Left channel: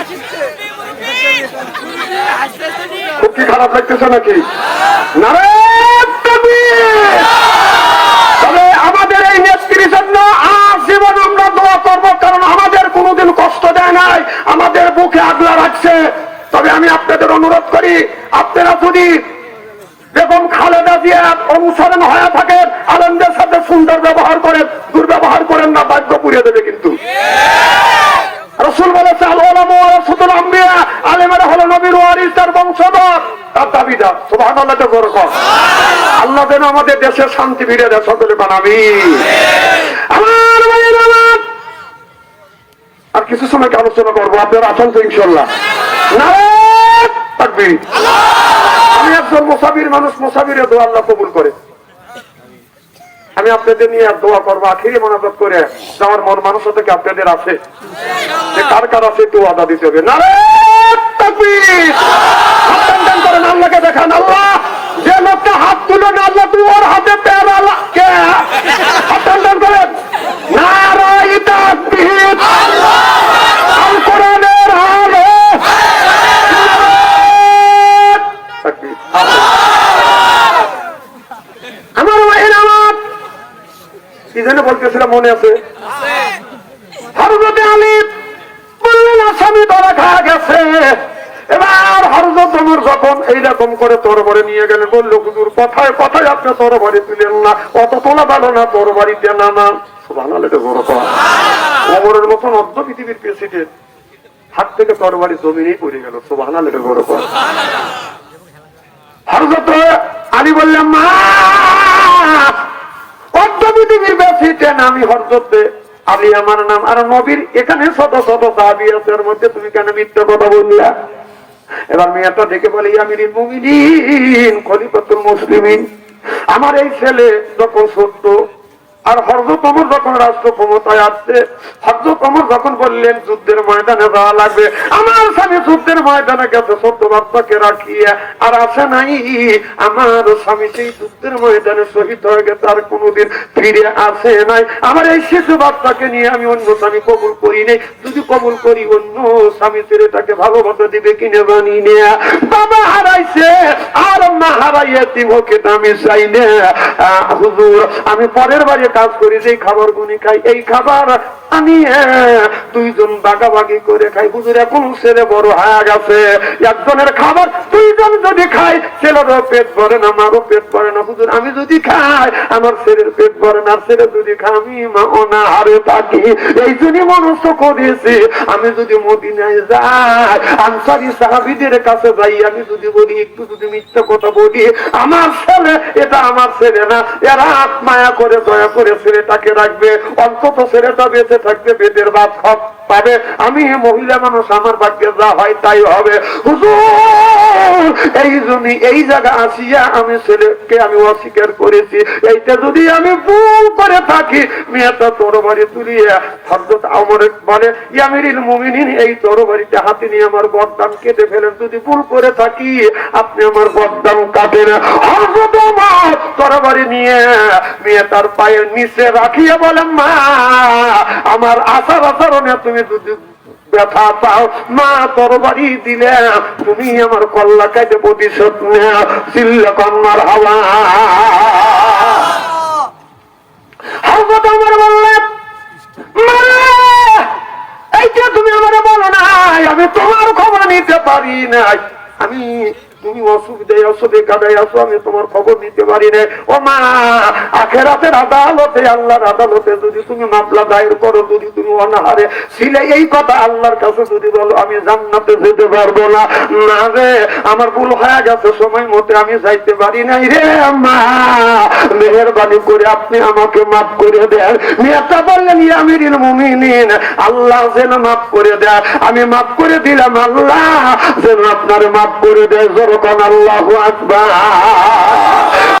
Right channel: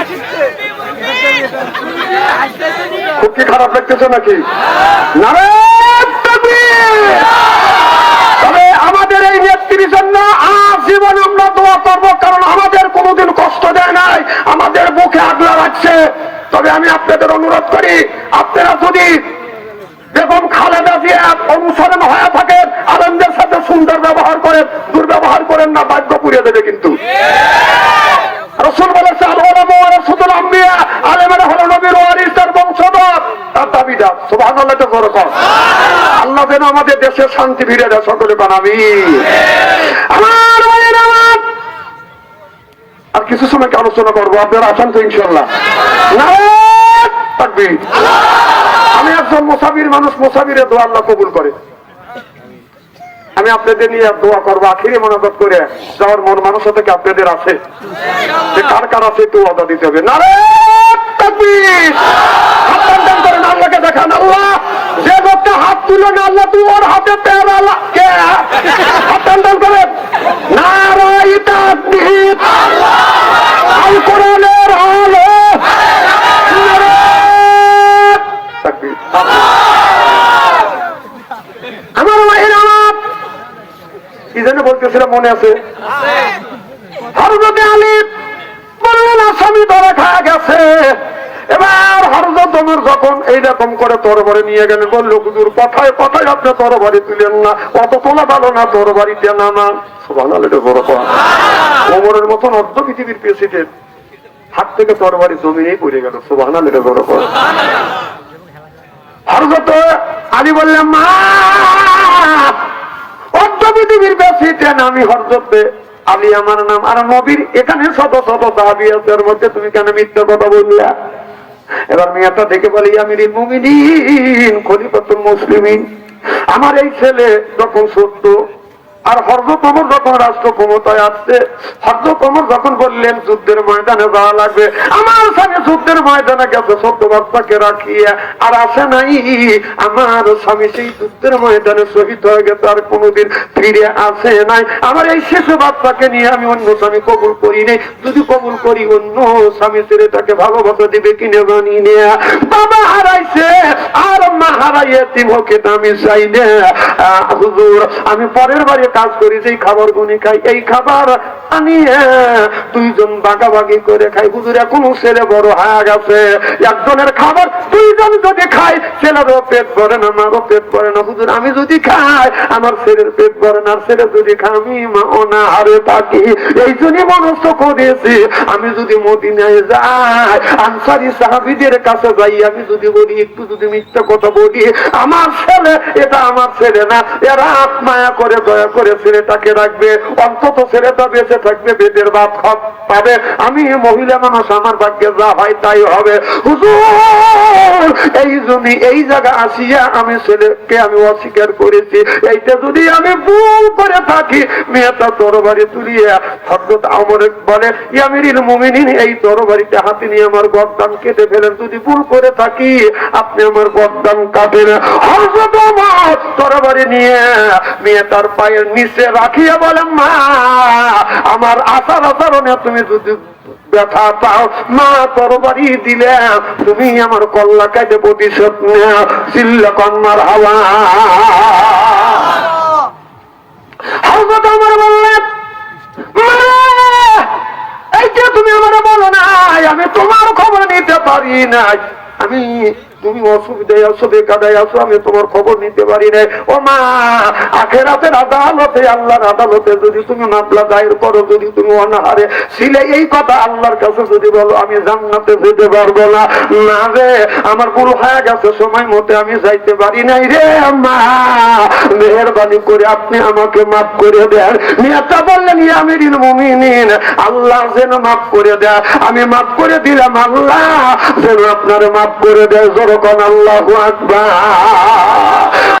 আসবে। খুব কি খারাপ লাগতেছে নাকি? তবে আমাদের এই নেত্রীর জন্য আজীবন আমরা দোয়া করবো, কারণ আমাদের কোনোদিন কষ্ট দেয় নাই, আমাদের বুকে আগলা রাখছে। তবে আমি আপনাদের অনুরোধ করি, আপনারা যদি বেগম খালেদা জিয়া অনুসরণ হয়ে থাকেন, আলমদের সাথে সুন্দর ব্যবহার করেন, দুর্ব্যবহার করেন না, বাধ্য পুড়িয়ে দেবে। কিন্তু রাসূল বলেছে আলেমেরা হলো নবীর ওয়ারিস, তার বংশধর, তার দাবিদার। সুবহানাল্লাহ। আল্লাহ যেন আমাদের দেশের শান্তি ফিরে দেয়, সকলে বানাবি। আর কিছু সময় আলোচনা করবো, আপনারা আছেন তো ইনশাল্লাহ? আমি একজন মুসাফির মানুষ, মুসাফিরে দোয়া আল্লাহ কবুল করে। আমি আপনাদের নিয়ে দোয়া করবো, আখিরি মোনাজাত করে যাওয়ার মন মানুষ থেকে আপনাদের আছে, যে কার কার আছে একটু ওয়াদা দিতে হবে। আল্লাহকে দেখান, আল্লাহ যে লোকটা হাত তুলে না, আল্লাহ তুই ওর হাতে পেয়ারা করেন। নারায়ে তাকবীর, আল কোরআনের আলো, আমার মায়ের আমার কি যেন বলতেছিলাম, মনে আছে? হযরত আলী বললেন আসামি ধরা খাওয়া গেছে। এবার হযরত ওমর যখন এইরকম করে তরবারি নিয়ে গেলেন, বলল হুজুর কথায় কথায় আপনি তরবারি তুলেন না, অত তোলা ভালো না, তরবারিতে নামান। সুবহানাল্লাহ। ওমরের মতন অর্ধ পৃথিবীর প্রেসিডেন্ট হাত থেকে তরবারি জমিনেই পড়ে গেল। সুবহানাল্লাহ। হযরত আলী বললেন, মা অর্ধ পৃথিবীর প্রেসিডেন্ট আমি হযরত আলী আমার নাম, আর নবীর এখানে শত শত সাহাবী আছে, এর মধ্যে তুমি কেন মিথ্যা কথা বললা? এবার মেয়েটা দেখে বলে, আমিরুল মুমিনিন খলিফাতুল মুসলিমিন, আমার এই ছেলে যখন সত্য, আর হযরত ওমর যখন রাষ্ট্র ক্ষমতায় আসছে, হযরত ওমর যখন বললেন যুদ্ধের ময়দানে যাওয়া লাগবে, আমার স্বামী যুদ্ধের ময়দানে গেছে সত্য বার্তাকে রাখিয়া, আর আসে নাই। আমার স্বামী সেই যুদ্ধের ময়দানে শহীদ হয়ে গেছে, আর কোনোদিন ফিরে আসে নাই। আমার এই শিশু বাচ্চাকে নিয়ে আমি অন্য স্বামী কবুল করি নাই, যদি কবুল করি অন্য স্বামী ছেলেটাকে ভালোবাসা দিবে কিনে জানি না। বাবা হারাইছে আর মা হারাইয়া তিমকে আমি চাই না। হুজুর আমি পরের বাড়ি কাজ করি, যে খাবার গুনি খাই, এই খাবার আমি দুইজন ভাগাভাগি করে খাই। হুজুর এখন ছেলে বড় হয়ে গেছে, একজনের খাবার দুইজন যদি খাই, ছেলেরও পেট ভরে না, আমারও পেট ভরে না। হুজুর আমি যদি খাই, আমার ছেলের পেট ভরে না, ছেলে যদি খাই, আমি মা অনাহারে থাকি। এই জন্যই মনস্থ করেছি, আমি যদি মদিনায় যাই, আনসারী সাহাবীদের কাছে যাই, আমি যদি বলি, একটু যদি মিথ্যা কথা বলি, আমার ছেলে এটা আমার ছেলে না, এরা মায়া করে দয়া করে ছেলেটাকে রাখবে, অন্তত ছেলেটা বেঁচে থাকবে, বেদের ভাত পাবে। আমি মহিলা মানুষ, আমার ভাগ্যে যা হয় তাই হবে। হুজুর এই জন্য এই জায়গা আসিয়া আমি ছেলেকে আমি অস্বীকার করেছি, এইটা যদি আমি ভুল করে থাকি, মেয়েটা তরবারি তুলিয়া হযরত ওমর বলে, আমিরুল মুমিনিন এই তরবারিতে হাতে নিয়ে আমার গর্দান কেটে ফেলেন, যদি ভুল করে থাকি আপনি আমার গর্দান কাটেন। হযরত ওমর তরবারি নিয়ে মেয়েটার পায়ের নিচে রাখিয়া বলেন, মা আমার আচার আচরণে তুমি যদি ব্যথা পাও, মা তরবারি দিলে তুমি আমার কল্লা কাটে প্রতিশোধ নেও। চিল্লা কন্যার হাওয়া। হযরত ওমর বললেন, মা এইটা তুমি আমার বলো নাই, আমি তোমার খবর নিতে পারি নাই, আমি তুমি অসুবিধায় আছো, বেকাদায় আছো, আমি তোমার খবর নিতে পারি না। ও মা আখিরাতের আদালতে, আল্লাহর আদালতে যদি তুমি মামলা দায়ের করো, যদি তুমি অনাহারে ছিলে, এই কথা আল্লাহর কাছে যদি বলো, আমি জান্নাতে যেতে পারবো না। না রে, আমার ভুল হয়ে গেছে, সময় মতে আমি যাইতে পারি নাই রে মা, মেহেরবানি করে আপনি আমাকে মাফ করে দেন। মেয়েটা বললেন, আমিরুল মুমিনিন আল্লাহ যেন মাফ করে দেয়। আমি মাফ করে দিলাম, আল্লাহ যেন আপনার মাফ করে দেয়। আল্লাহু আকবার।